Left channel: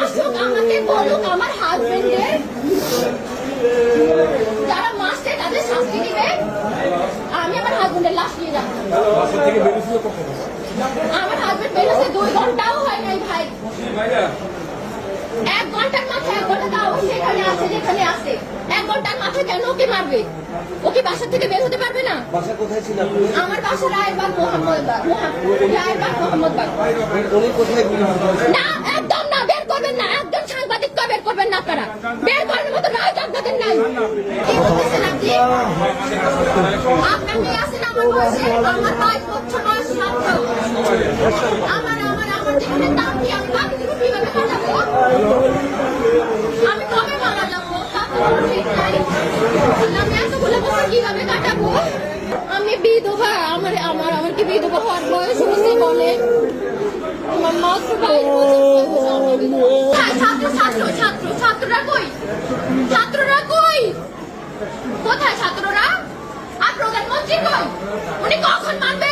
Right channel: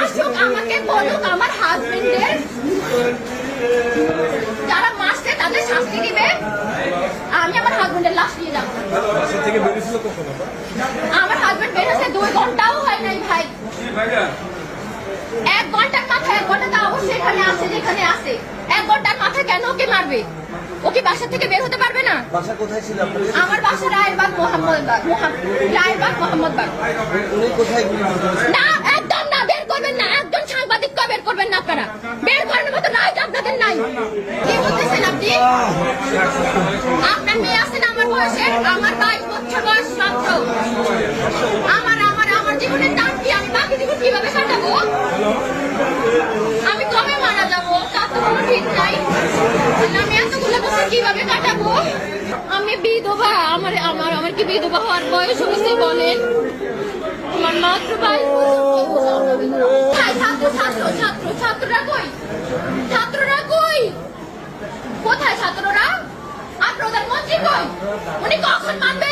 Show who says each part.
Speaker 1: আসুক আমাকে বলুক আমার হাজবেন্ডের যারা মাসছে তাদের শাস্তি দিবে। আমি আমার হাজবেন্ডের লাশ নিয়ে যাব? আমার হাজবেন্ড বেরোছে দুই ঘন্টাও হয় নাই ভাই। এক ঘণ্টার মাথায় এক ঘণ্টা তাও সেখানে আছে যেখানে আছে। এক ঘণ্টার মাথায় কেন ওকে মারবে? ওকে বাসা থেকে বের হতে পারবে না?
Speaker 2: বাসা কোথায় ছিল
Speaker 1: আমার বাসা রায়েরবাগ মোহাম্মদবাগ রায়েরবাগ মোহাম্মদবাগ।
Speaker 2: উনি কোথায়
Speaker 1: না করবেন না আপনারা বের করার মতো নাই। আমি তার তো নাই। আমি বিধবা। আমার আমার আমার কি বিধবা হওয়ার বয়স হয়েছে বলেন? আমার মাত্র ছাত্ররা কই? ছাত্ররা কই? কোথায় ছাত্ররা? আর প্রধানমন্ত্রী কই? উনি কখন মানবে